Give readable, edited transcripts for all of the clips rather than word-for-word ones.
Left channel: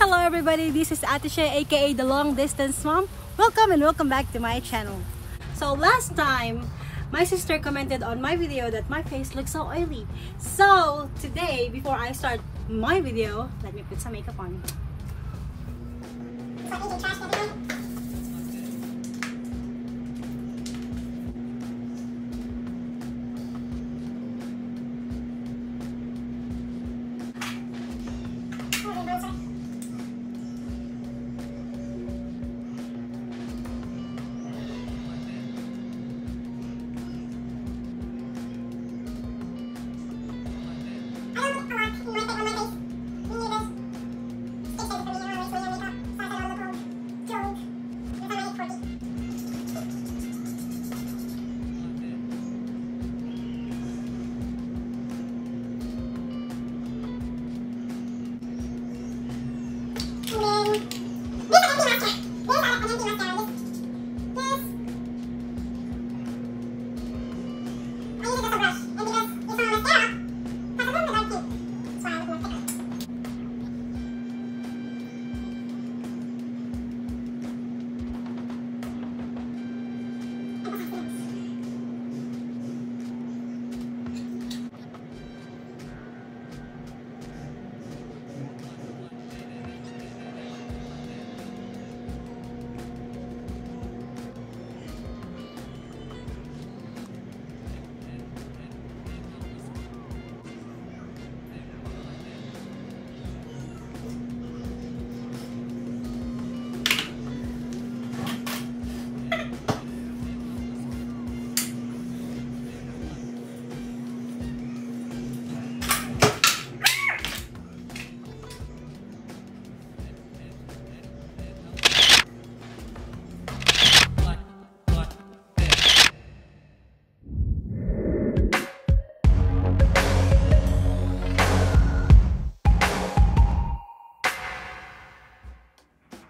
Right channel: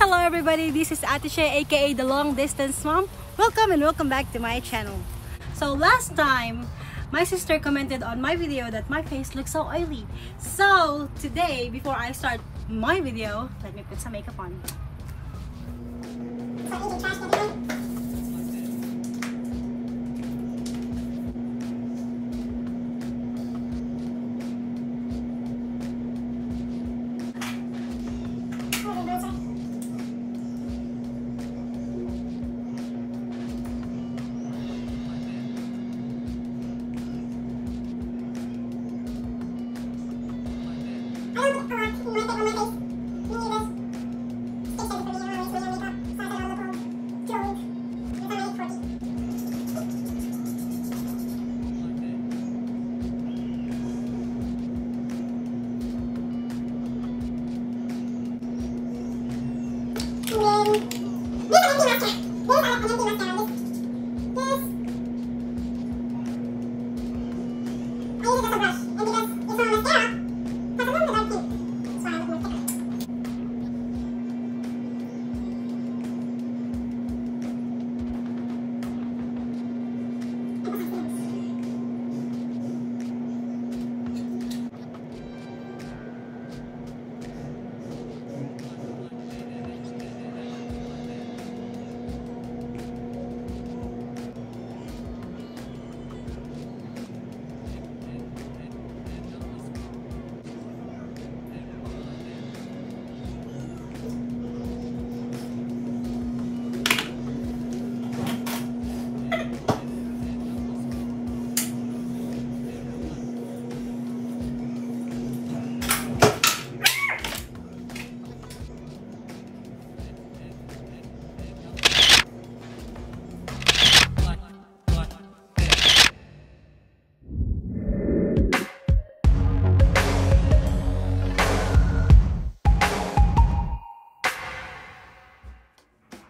Hello everybody, this is Ate Shea, aka the Long Distance Mom. Welcome and welcome back to my channel. So last time, my sister commented on my video that my face looks so oily. So today, before I start my video, let me put some makeup on.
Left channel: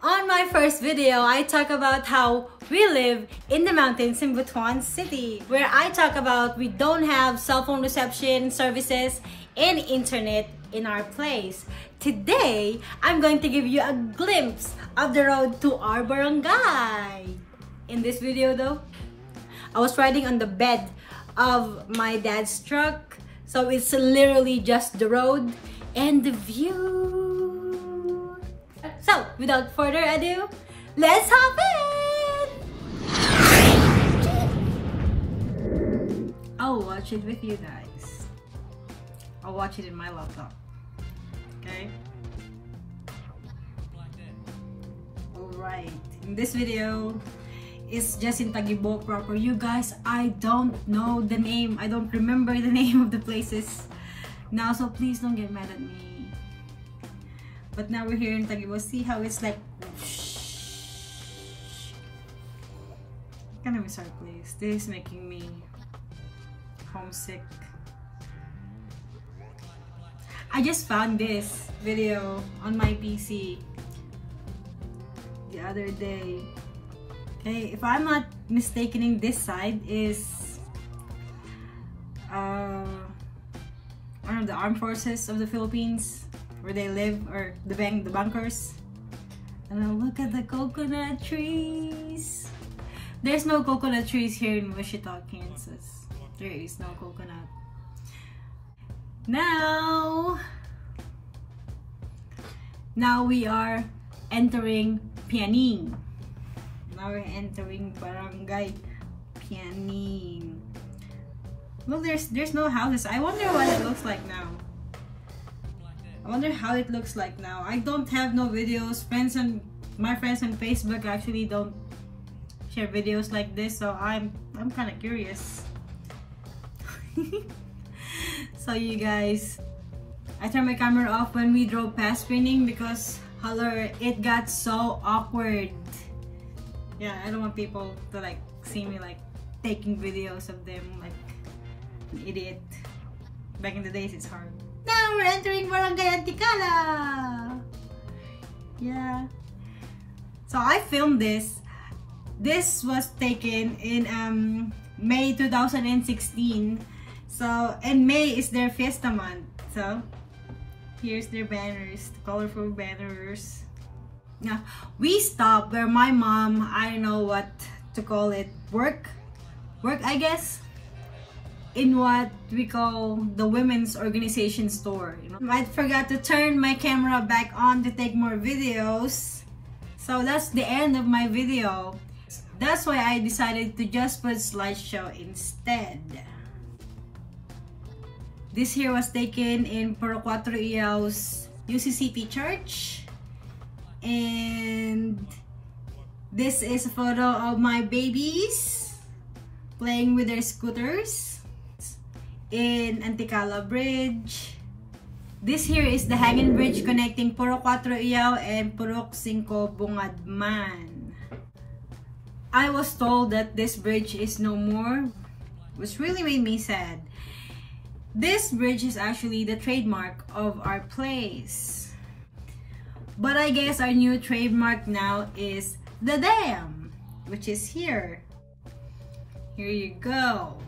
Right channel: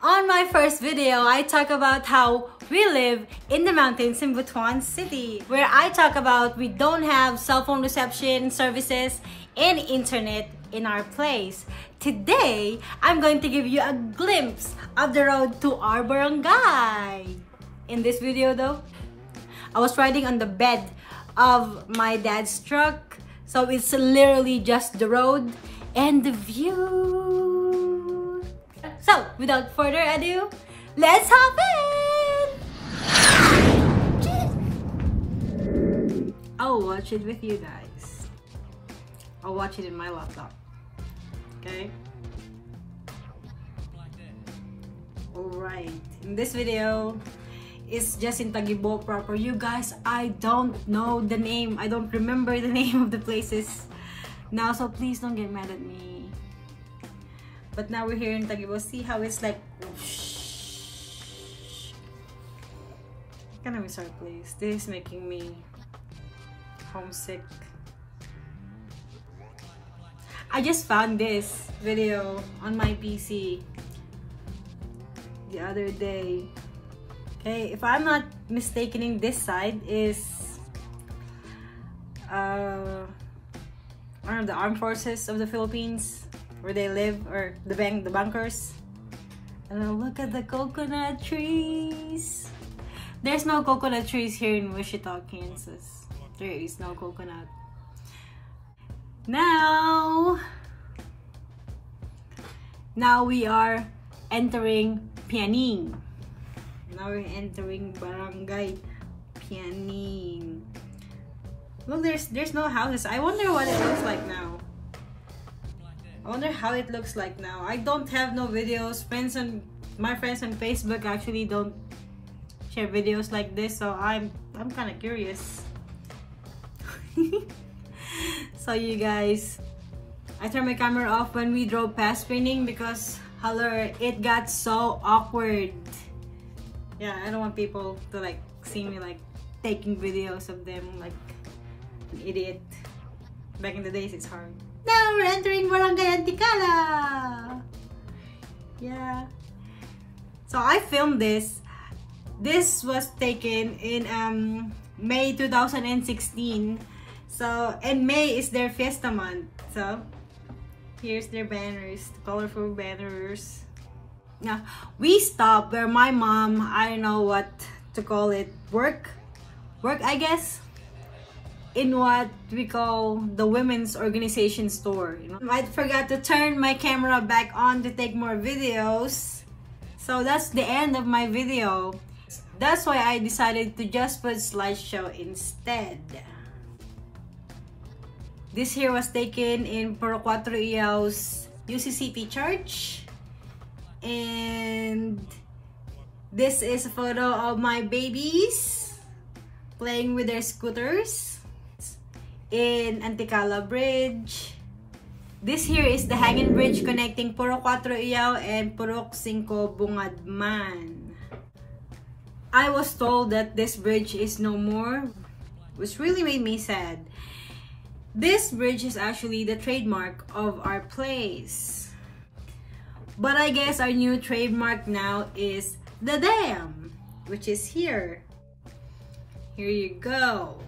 On my first video, I talk about how we live in the mountains in Butuan City, where I talk about we don't have cell phone reception services and internet in our place. Today, I'm going to give you a glimpse of the road to our barangay. In this video though, I was riding on the bed of my dad's truck, so it's literally just the road and the view. So, without further ado, let's hop in! I'll watch it with you guys. I'll watch it in my laptop. Okay? Alright, in this video, it's just in Tagibo proper. You guys, I don't know the name. I don't remember the name of the places now, so please don't get mad at me. But now we're here in Tagibo. See how it's like kind of miss our place. This is making me homesick. I just found this video on my PC the other day. Okay, if I'm not mistaken, this side is one of the armed forces of the Philippines, where they live, or the bunkers. And look at the coconut trees. There's no coconut trees here in Wichita, Kansas. There is no coconut. Now we are entering Pianing. Now we're entering Barangay Pianing. Look, there's no houses. I wonder what it looks like now. I wonder how it looks like now. I don't have no videos. My friends on Facebook actually don't share videos like this, so I'm kind of curious. So you guys, I turned my camera off when we drove past Pianing because it got so awkward. Yeah, I don't want people to like see me like taking videos of them like an idiot. Back in the days, it's hard. Now we're entering Barangay Anticala. Yeah. So I filmed this. This was taken in May 2016. So, and May is their fiesta month. So, Here's their banners, the colorful banners. Now, we stopped where my mom, I don't know what to call it, work I guess, in what we call the women's organization store. You know, I forgot to turn my camera back on to take more videos, so that's the end of my video. That's why I decided to just put slideshow instead. This here was taken in Purok 4 Iau's UCCT Church, and this is a photo of my babies playing with their scooters in Anticala Bridge. This here is the hanging bridge connecting Purok 4 Iau and Purok 5 Bungadman. I was told that this bridge is no more, which really made me sad. This bridge is actually the trademark of our place. But I guess our new trademark now is the dam, which is here. Here you go.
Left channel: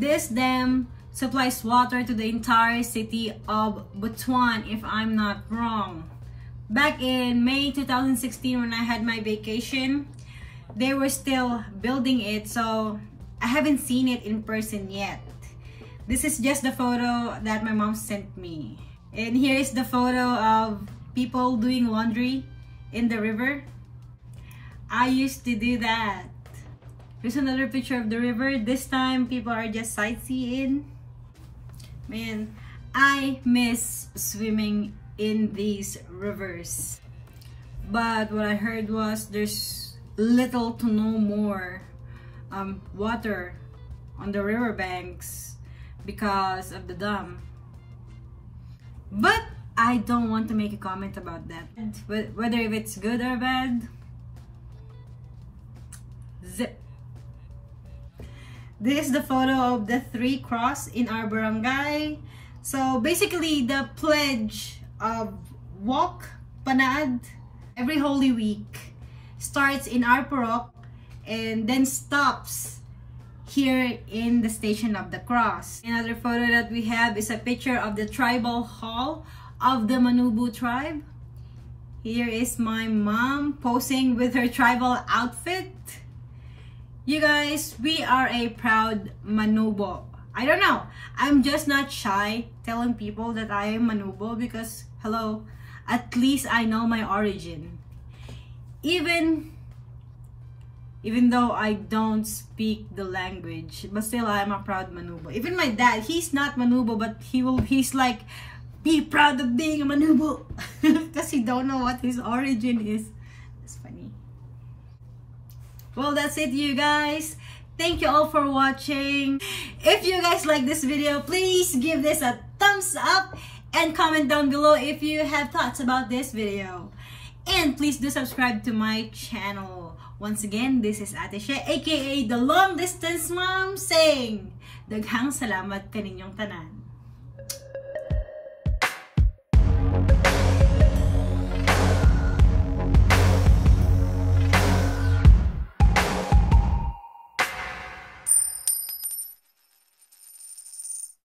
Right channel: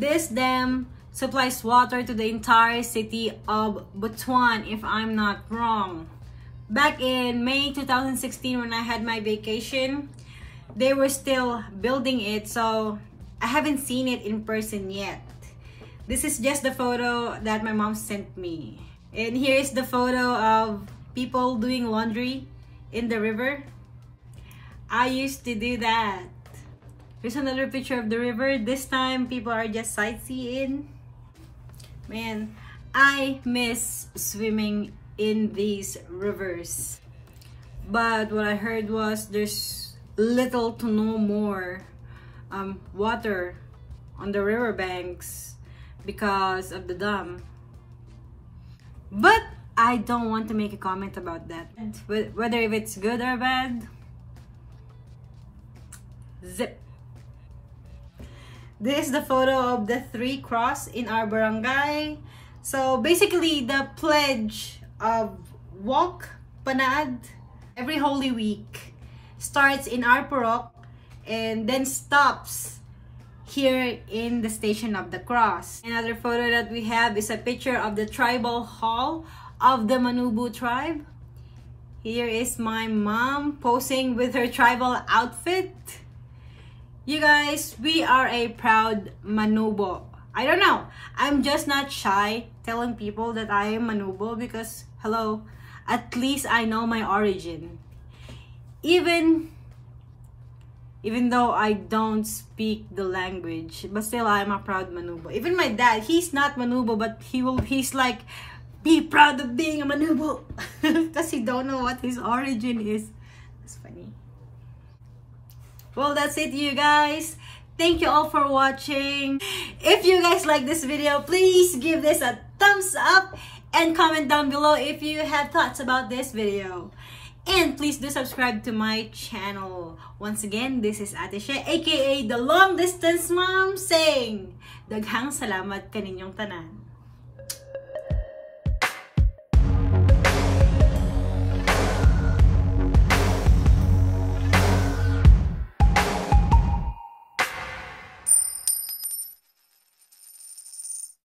This dam supplies water to the entire city of Butuan, if I'm not wrong. Back in May 2016 when I had my vacation, they were still building it, so I haven't seen it in person yet. This is just the photo that my mom sent me. And here's the photo of people doing laundry in the river. I used to do that. Here's another picture of the river. This time people are just sightseeing. Man, I miss swimming in these rivers. But what I heard was there's little to no more water on the riverbanks because of the dam. But I don't want to make a comment about that, whether if it's good or bad. Zip. This is the photo of the 3 cross in our barangay. So basically the pledge of Walk Panad every Holy Week starts in our Purok and then stops here in the Station of the Cross. Another photo that we have is a picture of the tribal hall of the Manubo tribe. Here is my mom posing with her tribal outfit. You guys, we are a proud Manubo. I don't know, I'm just not shy telling people that I am Manubo because, hello, at least I know my origin. Even though I don't speak the language, but still I am a proud Manubo. Even my dad, he's not Manubo, but he's like, be proud of being a Manubo. Because he don't know what his origin is. That's funny. Well, that's it, you guys. Thank you all for watching. If you guys like this video, please give this a thumbs up and comment down below if you have thoughts about this video. And please do subscribe to my channel. Once again, this is Ate She, aka the Long Distance Mom, saying, daghang salamat kaninyong tanan.